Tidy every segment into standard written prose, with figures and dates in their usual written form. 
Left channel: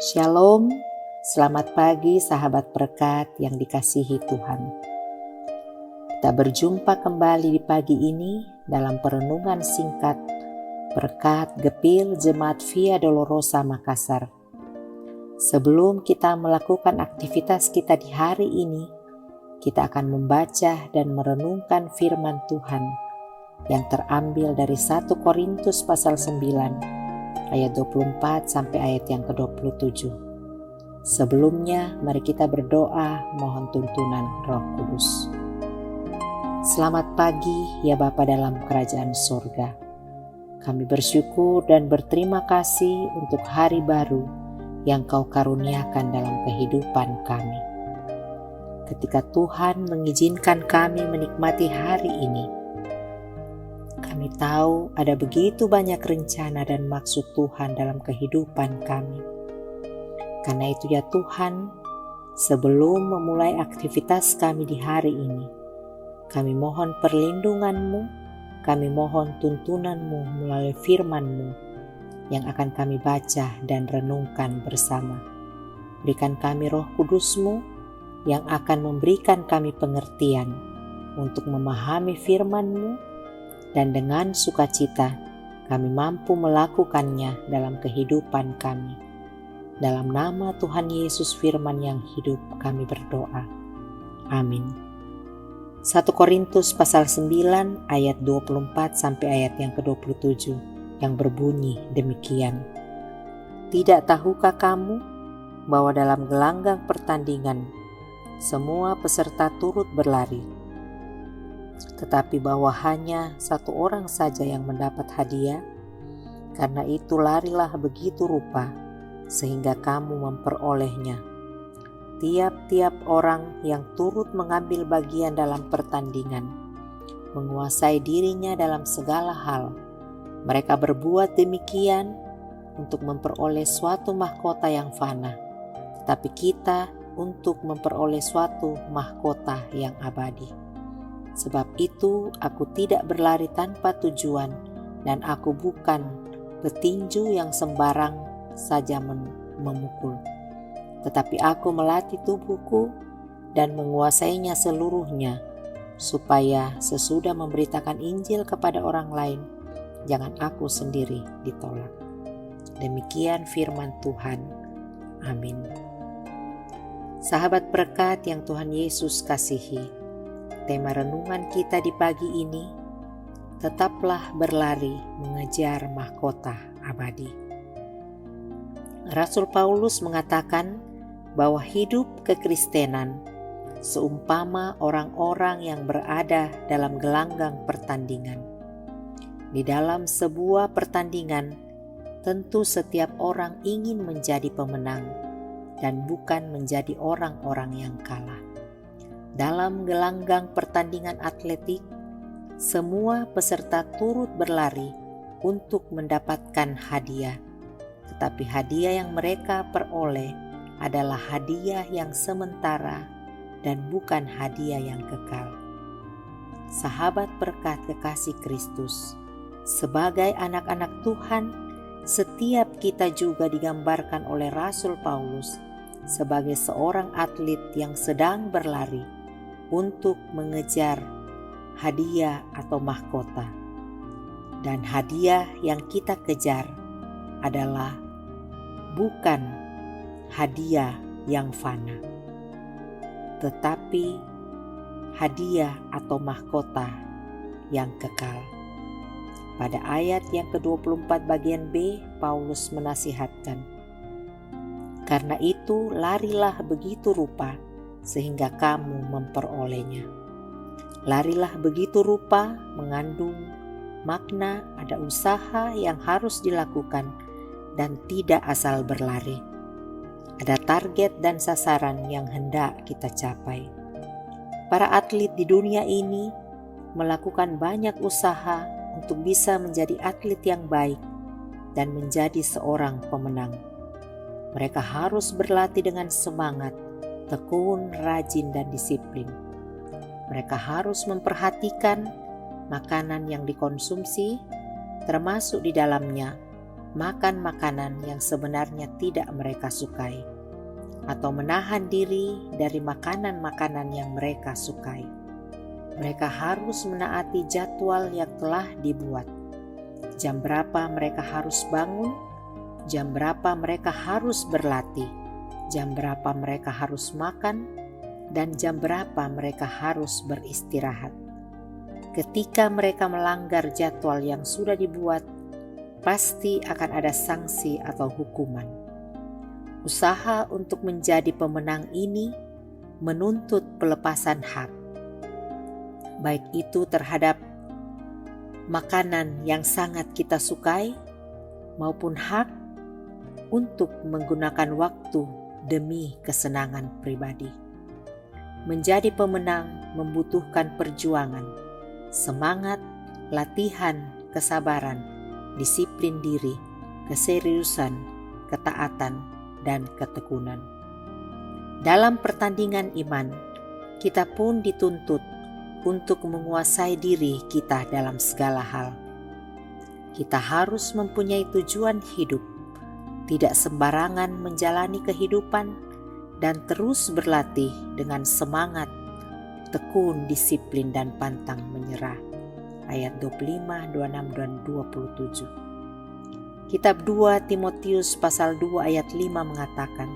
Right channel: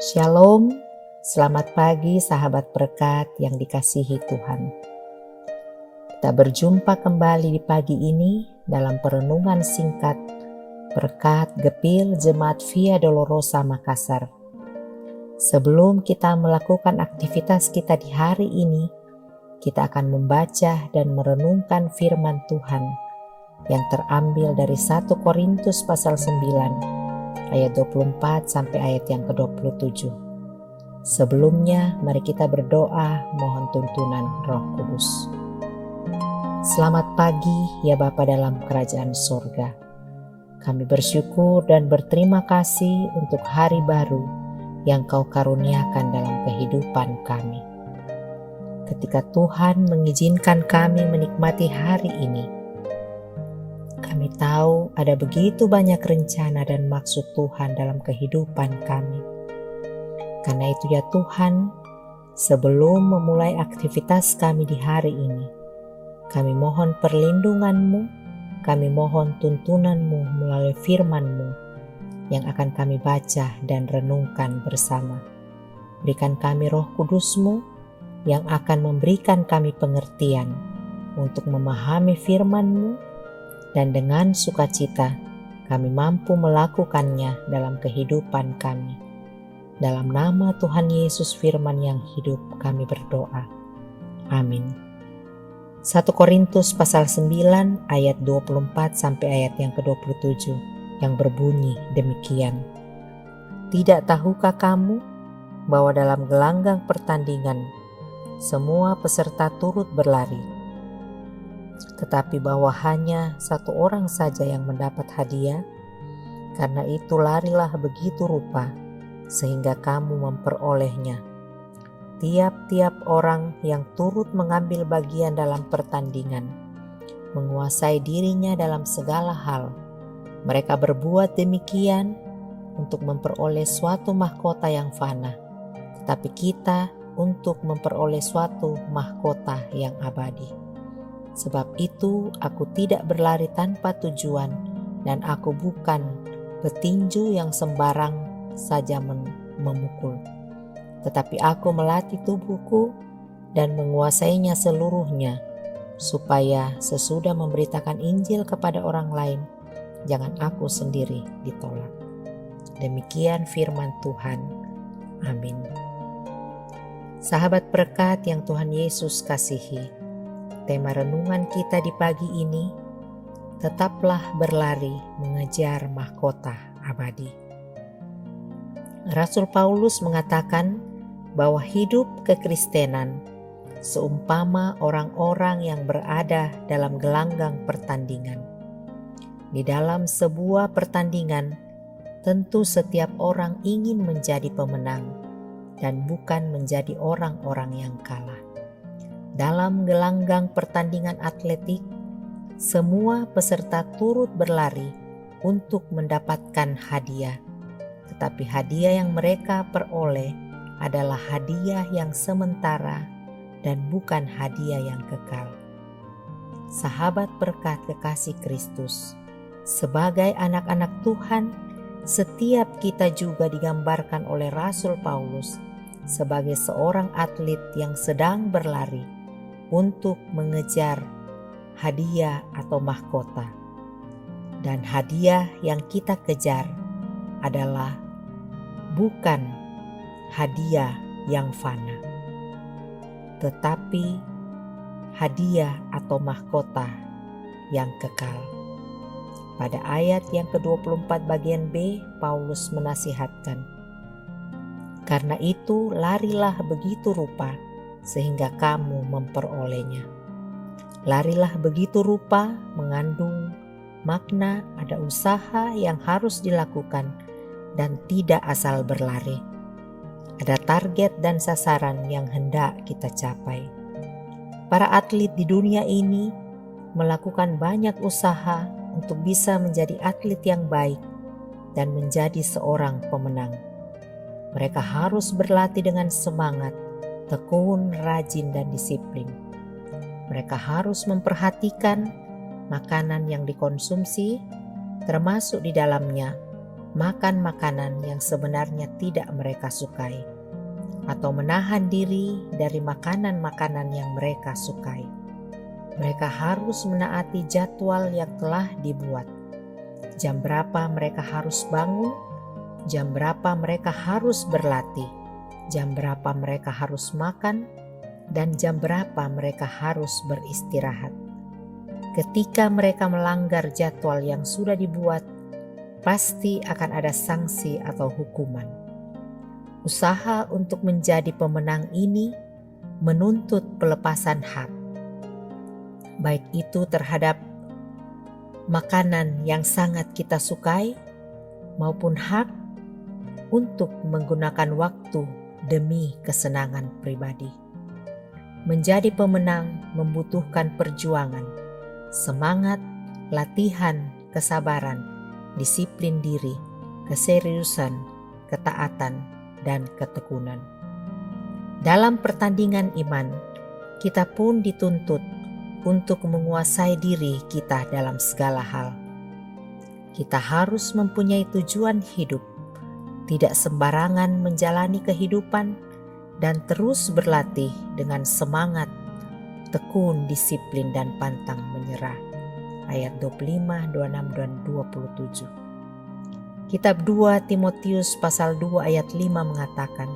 Shalom, selamat pagi sahabat berkat yang dikasihi Tuhan. Kita berjumpa kembali di pagi ini dalam perenungan singkat berkat Gepil Jemaat Via Dolorosa Makassar. Sebelum kita melakukan aktivitas kita di hari ini, kita akan membaca dan merenungkan firman Tuhan yang terambil dari 1 Korintus pasal 9 ayat 24 sampai ayat yang ke-27. Sebelumnya, mari kita berdoa mohon tuntunan Roh Kudus. Selamat pagi ya Bapa dalam kerajaan sorga. Kami bersyukur dan berterima kasih untuk hari baru yang Kau karuniakan dalam kehidupan kami. Ketika Tuhan mengizinkan kami menikmati hari ini, kami tahu ada begitu banyak rencana dan maksud Tuhan dalam kehidupan kami. Karena itu ya Tuhan, sebelum memulai aktivitas kami di hari ini, kami mohon perlindungan-Mu, kami mohon tuntunan-Mu melalui firman-Mu yang akan kami baca dan renungkan bersama. Berikan kami Roh Kudus-Mu yang akan memberikan kami pengertian untuk memahami firman-Mu, dan dengan sukacita kami mampu melakukannya dalam kehidupan kami. Dalam nama Tuhan Yesus firman yang hidup kami berdoa. Amin. 1 Korintus pasal 9 ayat 24 sampai ayat yang ke-27 yang berbunyi demikian. Tidak tahukah kamu bahwa dalam gelanggang pertandingan semua peserta turut berlari, tetapi bahwa hanya satu orang saja yang mendapat hadiah? Karena itu larilah begitu rupa sehingga kamu memperolehnya. Tiap-tiap orang yang turut mengambil bagian dalam pertandingan menguasai dirinya dalam segala hal. Mereka berbuat demikian untuk memperoleh suatu mahkota yang fana, tetapi kita untuk memperoleh suatu mahkota yang abadi. Sebab itu aku tidak berlari tanpa tujuan, dan aku bukan petinju yang sembarang saja memukul. Tetapi aku melatih tubuhku dan menguasainya seluruhnya, supaya sesudah memberitakan Injil kepada orang lain, jangan aku sendiri ditolak. Demikian firman Tuhan. Amin. Sahabat berkat yang Tuhan Yesus kasihi, tema renungan kita di pagi ini, tetaplah berlari mengejar mahkota abadi. Rasul Paulus mengatakan bahwa hidup kekristenan seumpama orang-orang yang berada dalam gelanggang pertandingan. Di dalam sebuah pertandingan, tentu setiap orang ingin menjadi pemenang dan bukan menjadi orang-orang yang kalah. Dalam gelanggang pertandingan atletik, semua peserta turut berlari untuk mendapatkan hadiah. Tetapi hadiah yang mereka peroleh adalah hadiah yang sementara dan bukan hadiah yang kekal. Sahabat berkat kekasih Kristus, sebagai anak-anak Tuhan, setiap kita juga digambarkan oleh Rasul Paulus sebagai seorang atlet yang sedang berlari untuk mengejar hadiah atau mahkota. Dan hadiah yang kita kejar adalah bukan hadiah yang fana, tetapi hadiah atau mahkota yang kekal. Pada ayat yang ke-24 bagian B, Paulus menasihatkan, karena itu larilah begitu rupa sehingga kamu memperolehnya. Larilah begitu rupa mengandung makna ada usaha yang harus dilakukan dan tidak asal berlari. Ada target dan sasaran yang hendak kita capai. Para atlet di dunia ini melakukan banyak usaha untuk bisa menjadi atlet yang baik dan menjadi seorang pemenang. Mereka harus berlatih dengan semangat, tekun, rajin, dan disiplin. Mereka harus memperhatikan makanan yang dikonsumsi, termasuk di dalamnya makan makanan yang sebenarnya tidak mereka sukai, atau menahan diri dari makanan-makanan yang mereka sukai. Mereka harus menaati jadwal yang telah dibuat. Jam berapa mereka harus bangun, jam berapa mereka harus berlatih, jam berapa mereka harus makan, dan jam berapa mereka harus beristirahat. Ketika mereka melanggar jadwal yang sudah dibuat, pasti akan ada sanksi atau hukuman. Usaha untuk menjadi pemenang ini menuntut pelepasan hak, baik itu terhadap makanan yang sangat kita sukai, maupun hak untuk menggunakan waktu demi kesenangan pribadi. Menjadi pemenang membutuhkan perjuangan, semangat, latihan, kesabaran, disiplin diri, keseriusan, ketaatan, dan ketekunan. Dalam pertandingan iman, kita pun dituntut untuk menguasai diri kita dalam segala hal. Kita harus mempunyai tujuan hidup, tidak sembarangan menjalani kehidupan, dan terus berlatih dengan semangat, tekun, disiplin, dan pantang menyerah. Ayat 25, 26, dan 27. Kitab 2 Timotius pasal 2 ayat 5 mengatakan,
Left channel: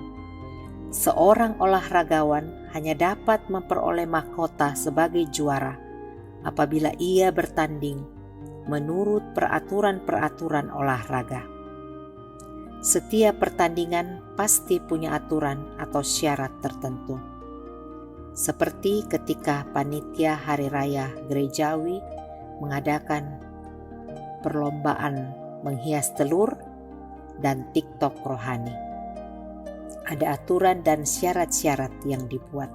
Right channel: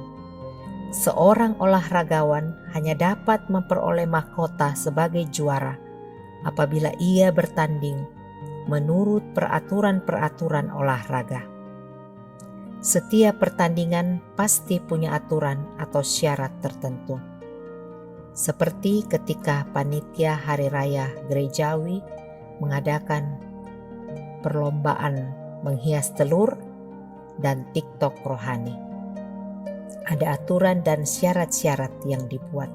seorang olahragawan hanya dapat memperoleh mahkota sebagai juara apabila ia bertanding menurut peraturan-peraturan olahraga. Setiap pertandingan pasti punya aturan atau syarat tertentu. Seperti ketika panitia hari raya gerejawi mengadakan perlombaan menghias telur dan TikTok rohani. Ada aturan dan syarat-syarat yang dibuat.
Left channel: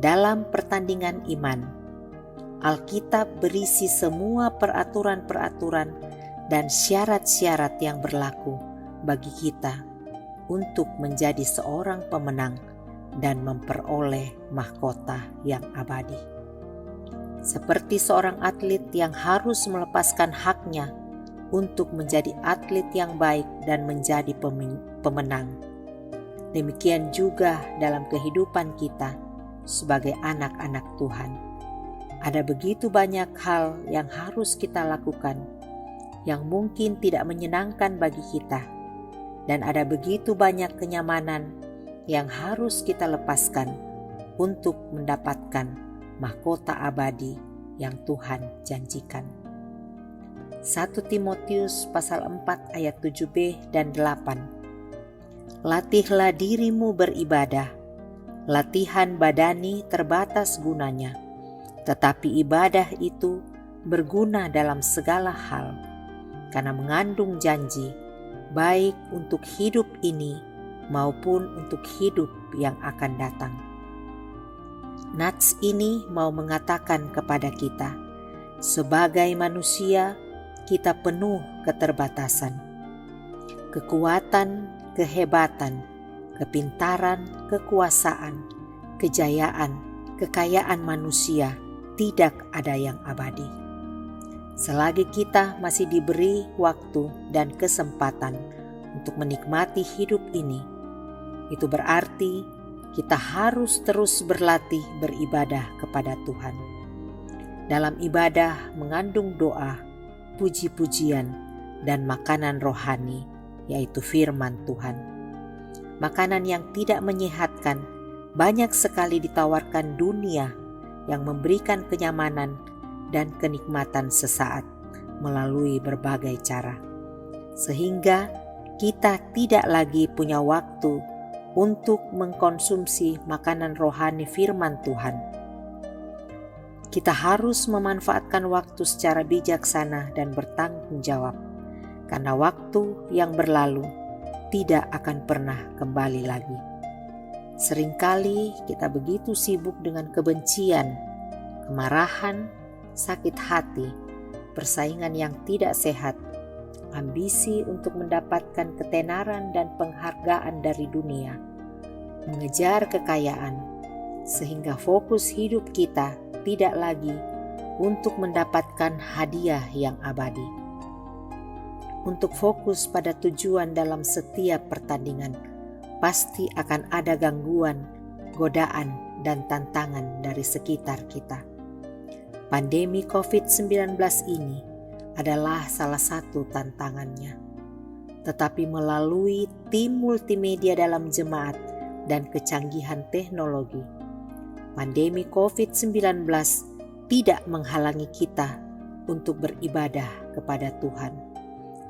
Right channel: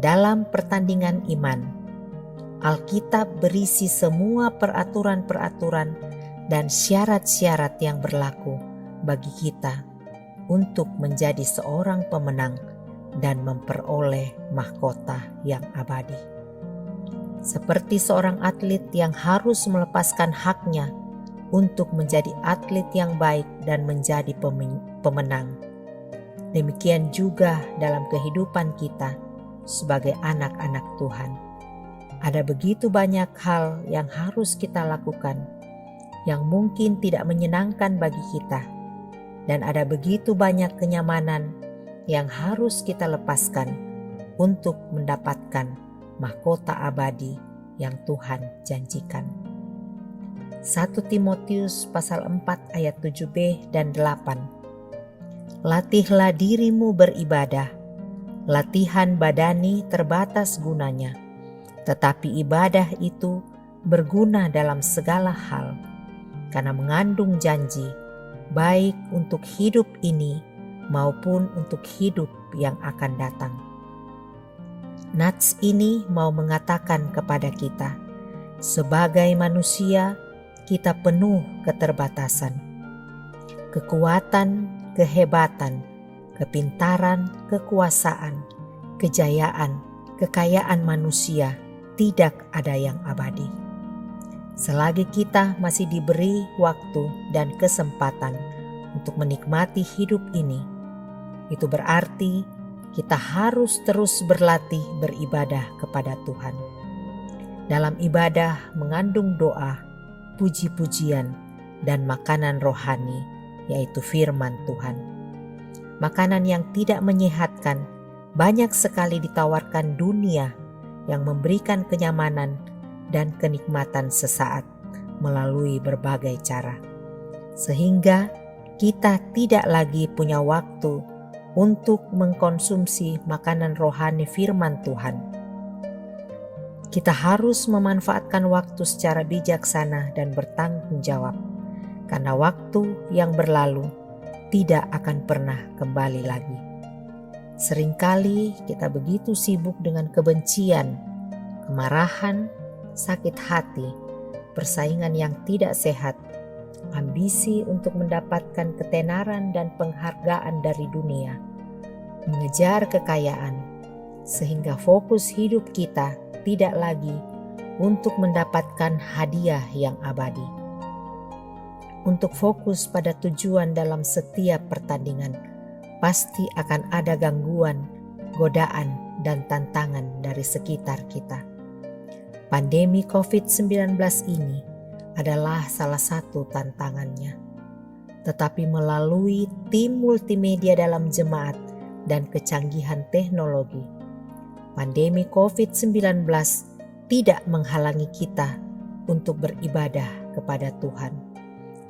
Dalam pertandingan iman, Alkitab berisi semua peraturan-peraturan dan syarat-syarat yang berlaku bagi kita untuk menjadi seorang pemenang dan memperoleh mahkota yang abadi. Seperti seorang atlet yang harus melepaskan haknya untuk menjadi atlet yang baik dan menjadi pemenang. Demikian juga dalam kehidupan kita sebagai anak-anak Tuhan. Ada begitu banyak hal yang harus kita lakukan yang mungkin tidak menyenangkan bagi kita, dan ada begitu banyak kenyamanan yang harus kita lepaskan untuk mendapatkan mahkota abadi yang Tuhan janjikan. 1 Timotius pasal 4 ayat 7b dan 8. Latihlah dirimu beribadah. Latihan badani terbatas gunanya, tetapi ibadah itu berguna dalam segala hal, karena mengandung janji, baik untuk hidup ini maupun untuk hidup yang akan datang. Nats ini mau mengatakan kepada kita, sebagai manusia kita penuh keterbatasan. Kekuatan, kehebatan, kepintaran, kekuasaan, kejayaan, kekayaan manusia tidak ada yang abadi. Selagi kita masih diberi waktu dan kesempatan untuk menikmati hidup ini, itu berarti kita harus terus berlatih beribadah kepada Tuhan. Dalam ibadah mengandung doa, puji-pujian, dan makanan rohani, yaitu firman Tuhan. Makanan yang tidak menyehatkan banyak sekali ditawarkan dunia yang memberikan kenyamanan dan kenikmatan sesaat melalui berbagai cara, sehingga kita tidak lagi punya waktu untuk mengkonsumsi makanan rohani firman Tuhan. Kita harus memanfaatkan waktu secara bijaksana dan bertanggung jawab, karena waktu yang berlalu tidak akan pernah kembali lagi. Seringkali kita begitu sibuk dengan kebencian, kemarahan, sakit hati, persaingan yang tidak sehat, ambisi untuk mendapatkan ketenaran dan penghargaan dari dunia, mengejar kekayaan, sehingga fokus hidup kita tidak lagi untuk mendapatkan hadiah yang abadi. untuk fokus pada tujuan dalam setiap pertandingan, pasti akan ada gangguan, godaan, dan tantangan dari sekitar kita. Pandemi COVID-19 ini adalah salah satu tantangannya. Tetapi melalui tim multimedia dalam jemaat dan kecanggihan teknologi, pandemi COVID-19 tidak menghalangi kita untuk beribadah kepada Tuhan.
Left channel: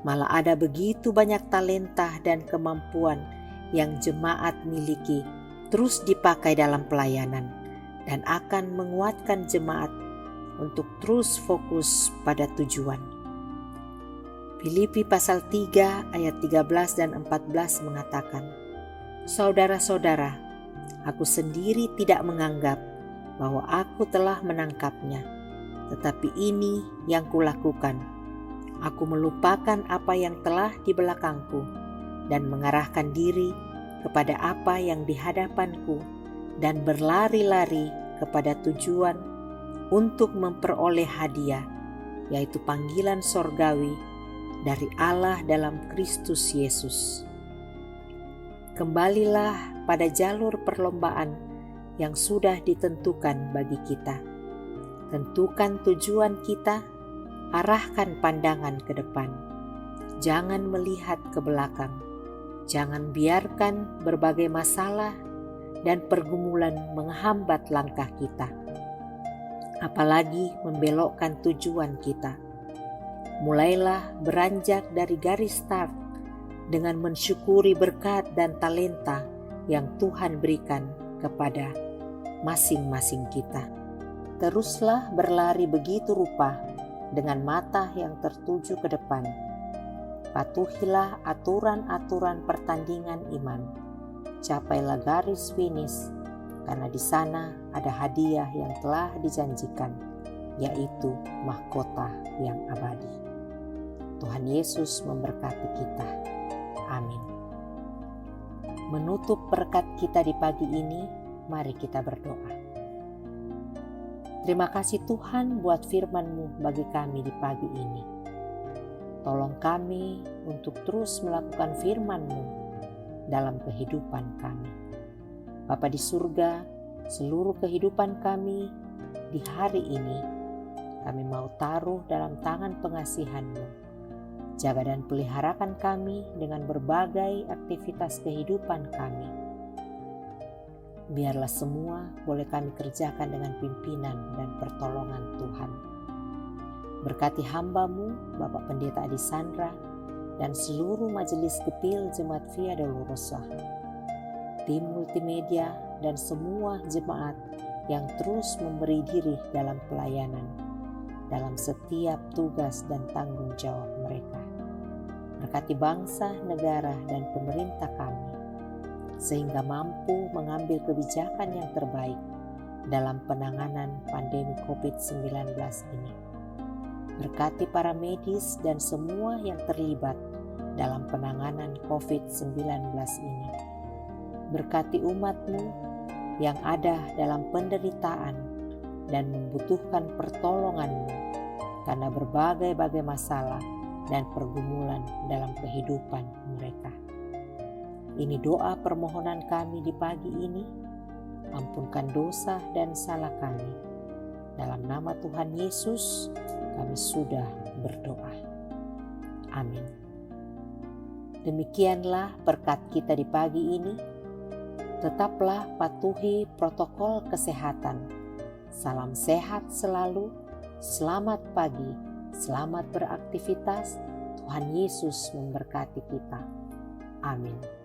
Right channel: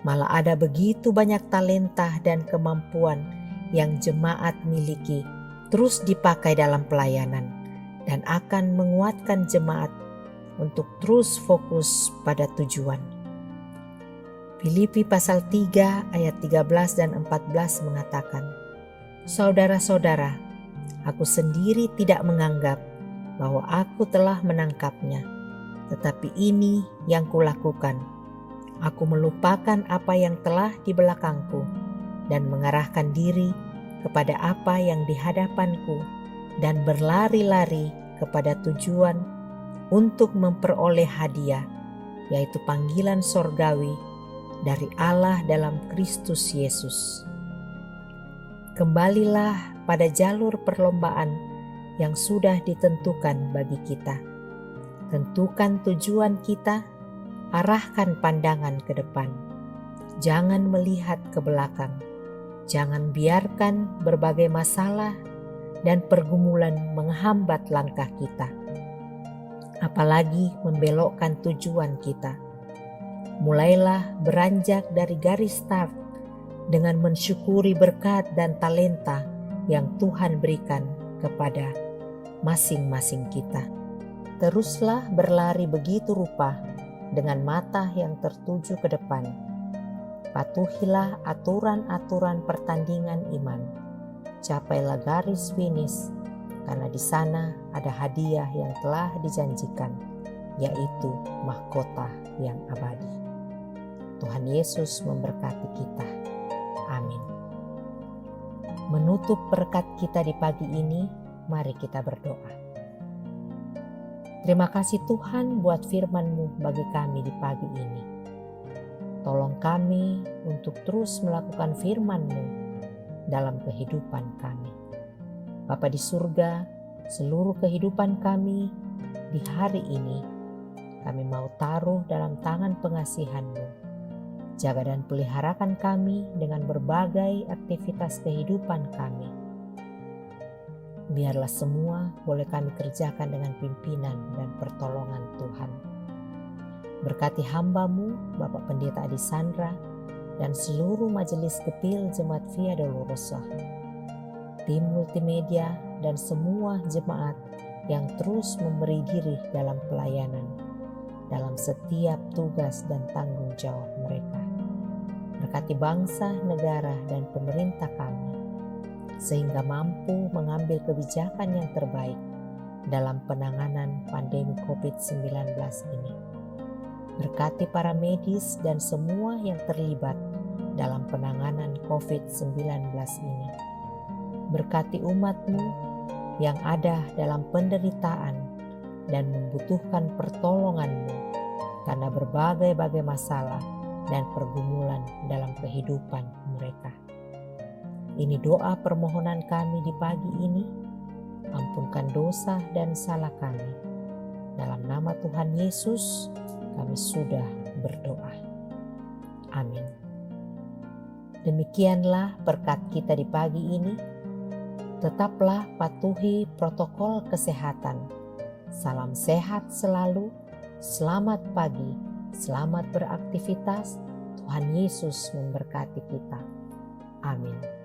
Malah ada begitu banyak talenta dan kemampuan yang jemaat miliki terus dipakai dalam pelayanan dan akan menguatkan jemaat untuk terus fokus pada tujuan. Filipi pasal 3 ayat 13 dan 14 mengatakan, "Saudara-saudara, aku sendiri tidak menganggap bahwa aku telah menangkapnya, tetapi ini yang kulakukan. Aku melupakan apa yang telah di belakangku dan mengarahkan diri kepada apa yang di hadapanku dan berlari-lari kepada tujuan untuk memperoleh hadiah, yaitu panggilan sorgawi dari Allah dalam Kristus Yesus." Kembalilah pada jalur perlombaan yang sudah ditentukan bagi kita. Tentukan tujuan kita, arahkan pandangan ke depan. Jangan melihat ke belakang. Jangan biarkan berbagai masalah dan pergumulan menghambat langkah kita, apalagi membelokkan tujuan kita. Mulailah beranjak dari garis start dengan mensyukuri berkat dan talenta yang Tuhan berikan kepada masing-masing kita. Teruslah berlari begitu rupa dengan mata yang tertuju ke depan. Patuhilah aturan-aturan pertandingan iman. Capailah garis finish, karena di sana ada hadiah yang telah dijanjikan, yaitu mahkota yang abadi. Tuhan Yesus memberkati kita. Amin. Menutup berkat kita di pagi ini, mari kita berdoa. Terima kasih Tuhan buat firman-Mu bagi kami di pagi ini. Tolong kami untuk terus melakukan firman-Mu dalam kehidupan kami. Bapa di surga, seluruh kehidupan kami di hari ini, kami mau taruh dalam tangan pengasihan-Mu. Jaga dan peliharakan kami dengan berbagai aktivitas kehidupan kami. Biarlah semua boleh kami kerjakan dengan pimpinan dan pertolongan Tuhan. Berkati hamba-Mu, Bapak Pendeta Adi Sandra, dan seluruh majelis kepil Jemaat Via Dolorosa, tim multimedia, dan semua jemaat yang terus memberi diri dalam pelayanan, dalam setiap tugas dan tanggung jawab mereka. Berkati bangsa, negara, dan pemerintah kami, sehingga mampu mengambil kebijakan yang terbaik dalam penanganan pandemi COVID-19 ini. Berkati para medis dan semua yang terlibat dalam penanganan COVID-19 ini. Berkati umat-Mu yang ada dalam penderitaan dan membutuhkan pertolongan-Mu karena berbagai-bagai masalah dan pergumulan dalam kehidupan mereka. Ini doa permohonan kami di pagi ini. Ampunkan dosa dan salah kami. Dalam nama Tuhan Yesus, kami sudah berdoa. Amin. Demikianlah berkat kita di pagi ini. Tetaplah patuhi protokol kesehatan. Salam sehat selalu. Selamat pagi. Selamat beraktivitas. Tuhan Yesus memberkati kita. Amin.